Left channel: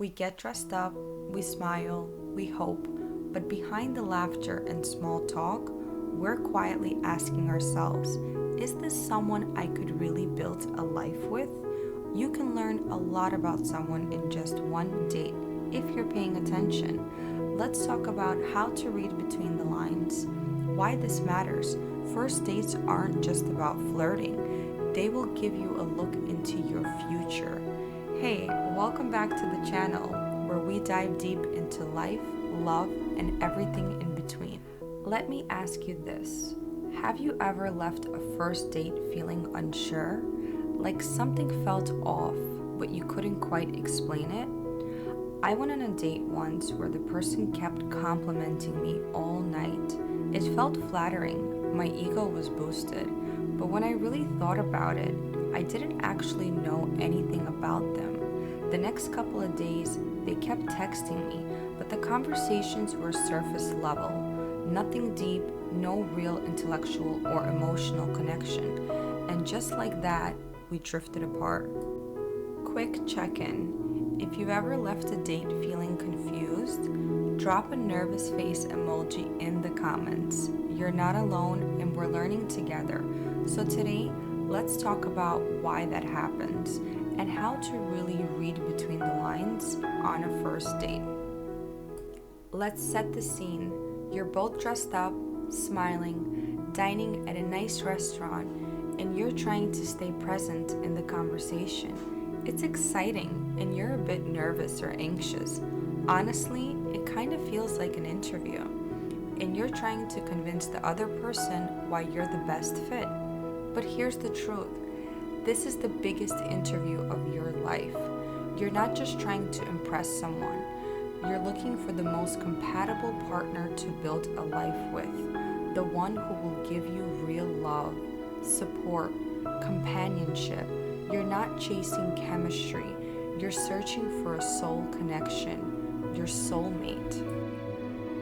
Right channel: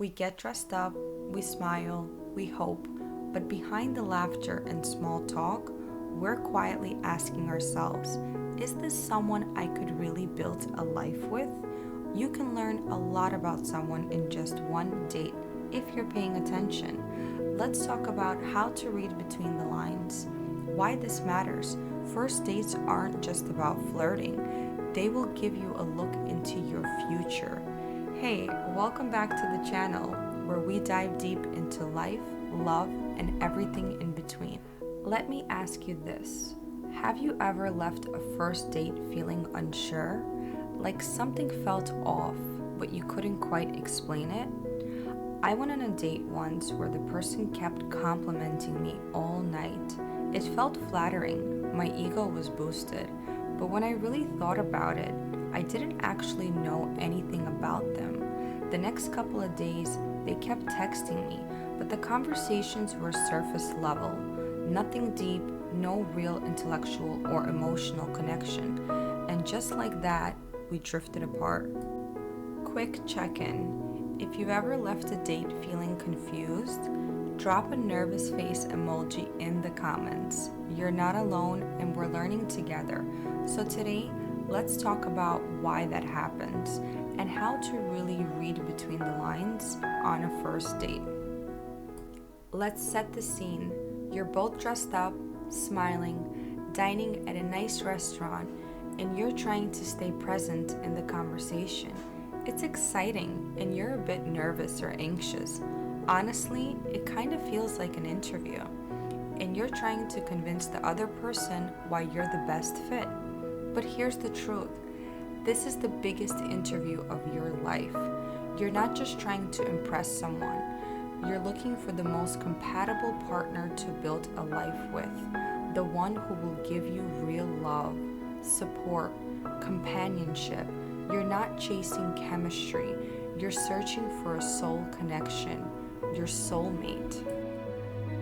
We get dressed up, we smile, we hope, but behind the laughter and small talk, we're quietly asking ourselves, is this someone I could really build a life with? You can learn a lot about someone in just one date if you're paying attention. Let's talk about how to read between the lines. Why this matters. First dates aren't just about flirting, they will give you a look into your future. Hey, welcome back to the channel where we dive deep into life, love, and everything in between. Let me ask you this. Have you ever left a first date feeling unsure? Like something felt off, but you couldn't quite explain it? I went on a date once where the person kept complimenting me all night. It felt flattering, my ego was boosted, but when I really thought about it, I didn't actually know anything about them. The next couple of days, they kept texting me, but the conversations were surface level. Nothing deep, no real intellectual or emotional connection. And just like that, we drifted apart. Quick check-in. If you've ever left a date feeling confused, drop a nervous face emoji in the comments. You're not alone and we're learning together. So today, let's talk about why that happens and how to really read between the lines on a first date. Let's set the scene. You're both dressed up, smiling, dining at a nice restaurant, and you're trying to stay present in the conversation. It's exciting, and you're a bit nervous or anxious. Honestly, it kind of feels like an interview, and you're trying to convince the other person why you're the best fit. But here's the truth. This is the biggest interview of your life. You're not just trying to impress someone. You're looking for the most compatible partner to build a life with, the one who will give you real love, support, companionship. You're not chasing chemistry. You're searching for a soul connection, your soulmate.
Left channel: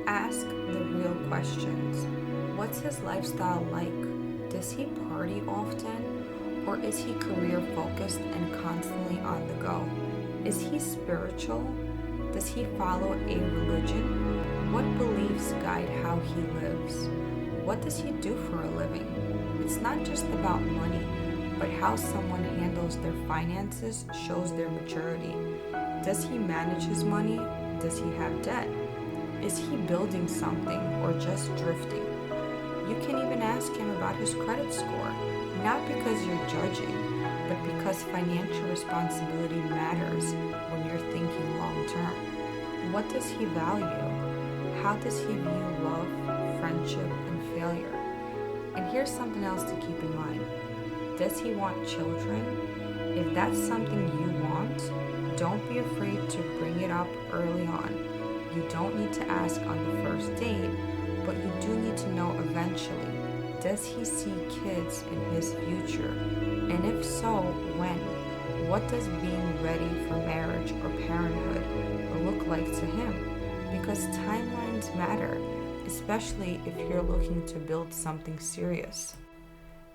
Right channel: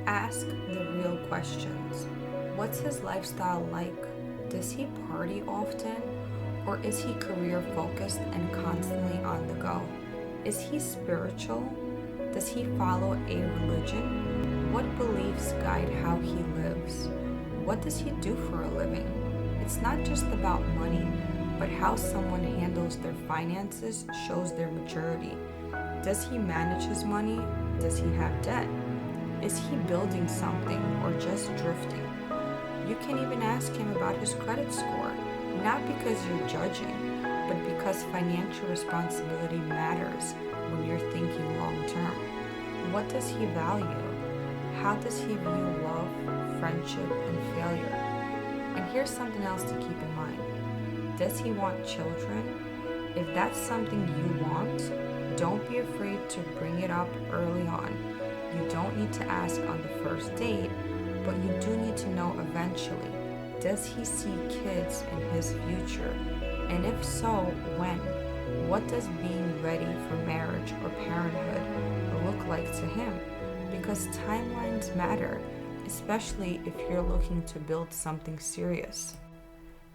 Ask the real questions. What's his lifestyle like? Does he party often? Or is he career focused and constantly on the go? Is he spiritual? Does he follow a religion? What beliefs guide how he lives? What does he do for a living? It's not just about money, but how someone handles their finances shows their maturity. Does he manage his money? Does he have debt? Is he building something or just drifting? You can even ask him about his credit score, not because you're judging, but because financial responsibility matters when you're thinking long term. What does he value? How does he view love, friendship, and failure? And here's something else to keep in mind. Does he want children? If that's something you want, don't be afraid to bring it up early on. You don't need to ask on the first date, but you do need to know eventually. Does he see kids in his future? And if so, when? What does being ready for marriage or parenthood look like to him? Because timelines matter, especially if you're looking to build something serious.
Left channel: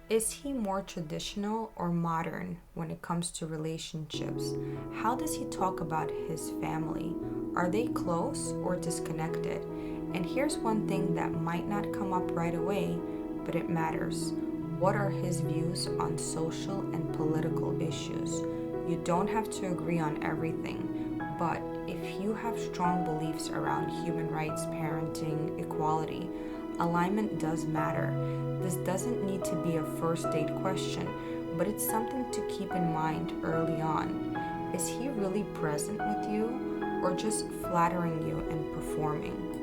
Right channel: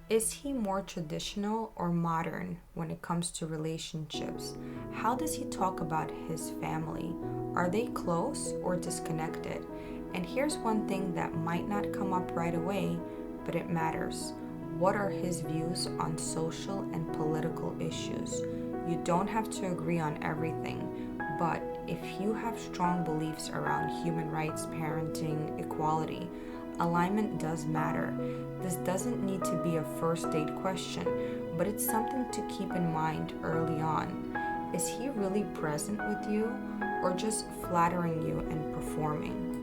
Is he more traditional or modern when it comes to relationships? How does he talk about his family? Are they close or disconnected? And here's one thing that might not come up right away, but it matters. What are his views on social and political issues? You don't have to agree on everything, but if you have strong beliefs around human rights, parenting, equality, alignment does matter. This doesn't need to be a first date question, but it's something to keep in mind early on. Is he really present with you or just flattering you and performing?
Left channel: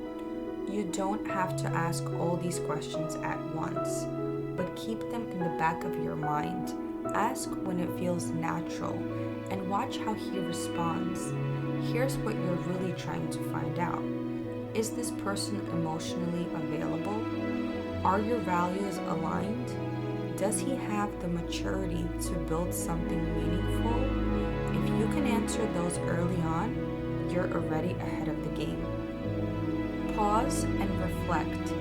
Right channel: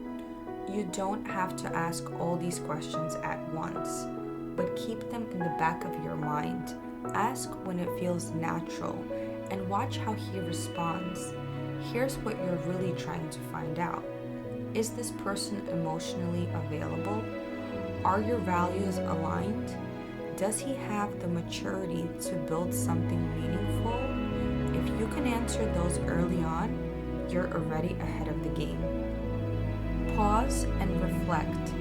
You don't have to ask all these questions at once, but keep them in the back of your mind. Ask when it feels natural and watch how he responds. Here's what you're really trying to find out. Is this person emotionally available? Are your values aligned? Does he have the maturity to build something meaningful? If you can answer those early on, you're already ahead of the game. Pause and reflect.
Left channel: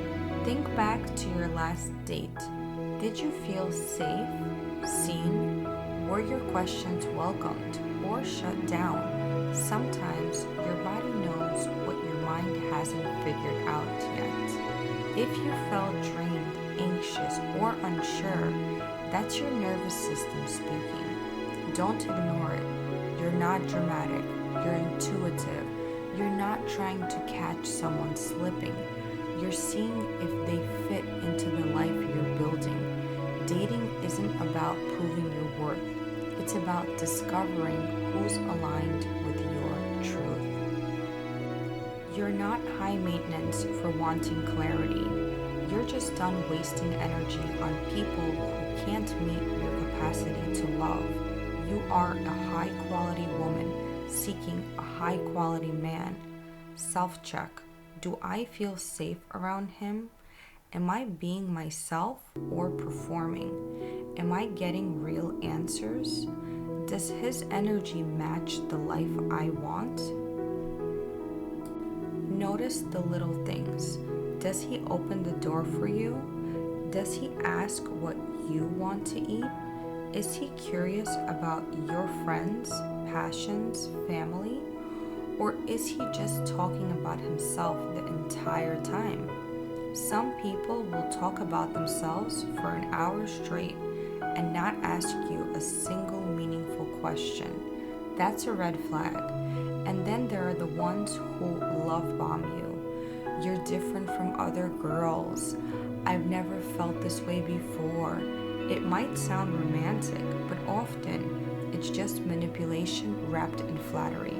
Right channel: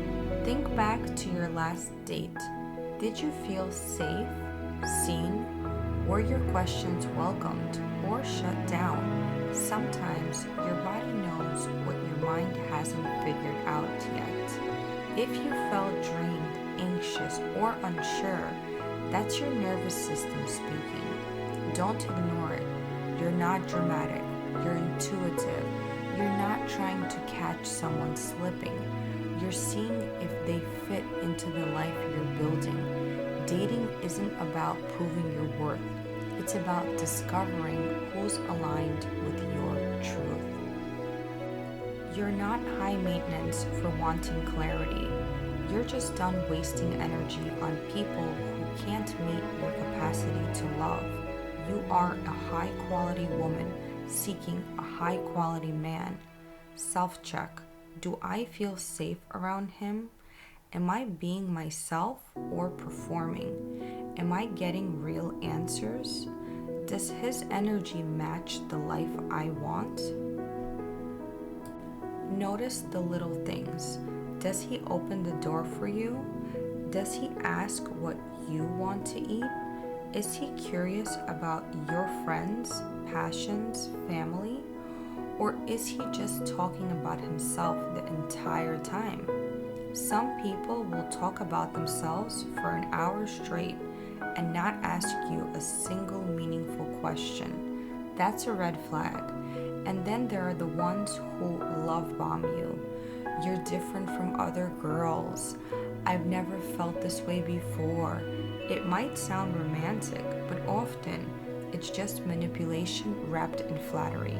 Think back to your last date. Did you feel safe, seen? Were your questions welcomed or shut down? Sometimes your body knows what your mind hasn't figured out yet. If you felt drained, anxious, or unsure, that's your nervous system speaking. Don't ignore it. You're not dramatic, you're intuitive. You're not trying to catch someone slipping. You're seeing if they fit into the life you're building. Dating isn't about proving your worth. It's about discovering who's aligned with your truth. You're not high maintenance for wanting clarity. You're just done wasting energy on people who can't meet your capacity to love. You are a high quality woman seeking a high quality man. Self-check. Do I feel safe around him? Am I being myself or performing? Am I getting real answers? Does his energy match the life I want? Notice the little things. Does he open the door for you? Does he ask what you want to eat? Is he curious about your friends, passions, family? Or is he just talking about himself the entire time? Some people will talk about themselves for an hour straight and not ask you a single meaningful question. That's a red flag. And then there are the ones who love bomb you. You're different from other girls. I've never felt this way before. It might sound romantic, but often it's just manipulation wrapped in flattery.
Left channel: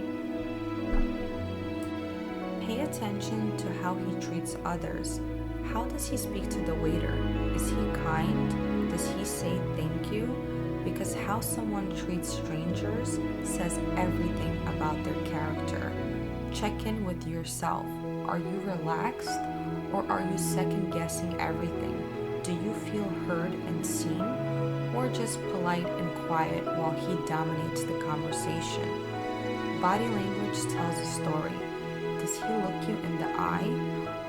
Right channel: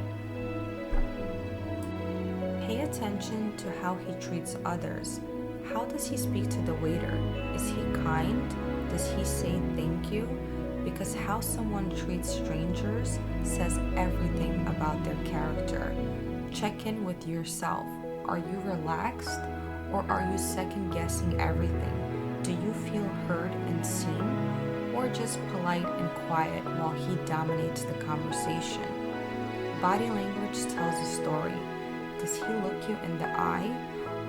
Pay attention to how he treats others. How does he speak to the waiter? Is he kind? Does he say thank you? Because how someone treats strangers says everything about their character. Check in with yourself. Are you relaxed or are you second guessing everything? Do you feel heard and seen or just polite and quiet while he dominates the conversation? Body language tells a story. Does he look you in the eye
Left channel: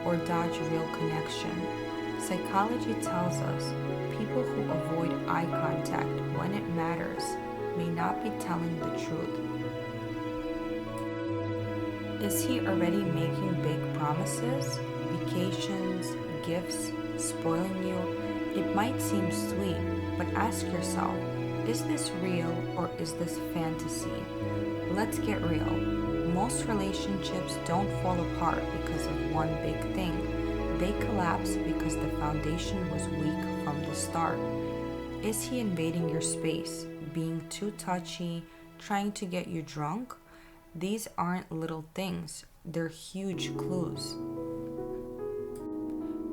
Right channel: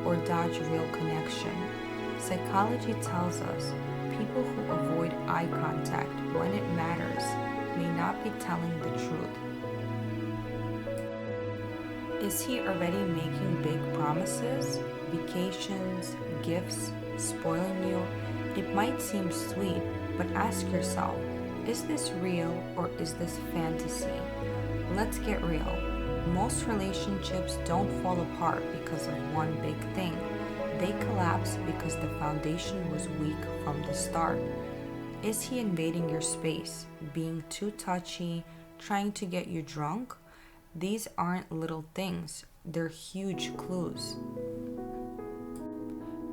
or dodge real connection? Psychology tells us people who avoid eye contact when it matters may not be telling the truth. Is he already making big promises? Vacations, gifts, spoiling you? It might seem sweet, but ask yourself, is this real or is this fantasy? Let's get real. Most relationships don't fall apart because of one big thing. They collapse because the foundation was weak from the start. Is he invading your space, being too touchy, trying to get you drunk? These aren't little things, they're huge clues.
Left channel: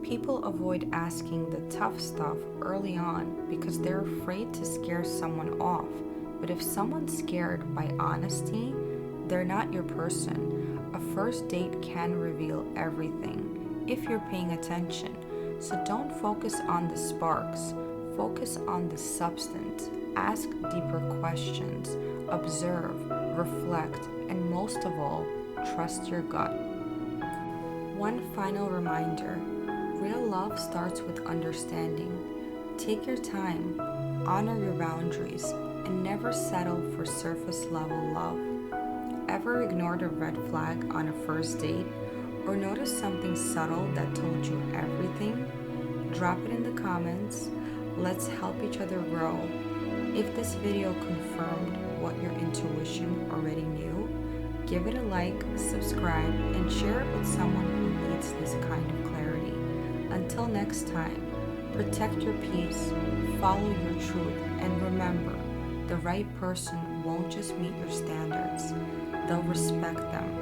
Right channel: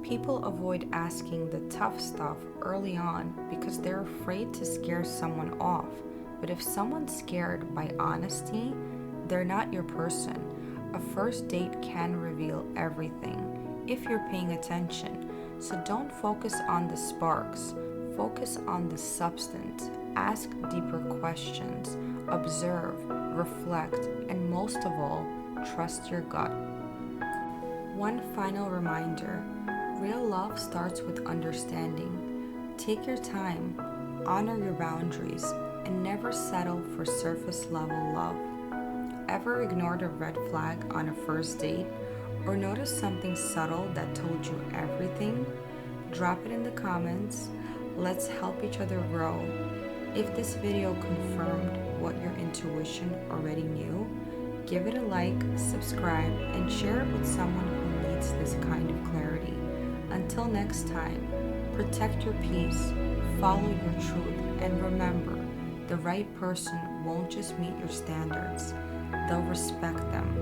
People avoid asking the tough stuff early on because they're afraid to scare someone off. But if someone's scared by honesty, they're not your person. A first date can reveal everything if you're paying attention. So don't focus on the sparks, focus on the substance. Ask deeper questions, observe, reflect, and most of all, trust your gut. One final reminder. Real love starts with understanding. Take your time, honor your boundaries, and never settle for surface level love. Ever ignored a red flag on a first date or noticed something subtle that told you everything? Drop it in the comments. Let's help each other grow. If this video confirmed what your intuition already knew, give it a like, subscribe, and share it with someone who needs this kind of clarity. Until next time, protect your peace, follow your truth, and remember, the right person won't just meet your standards, they'll respect them.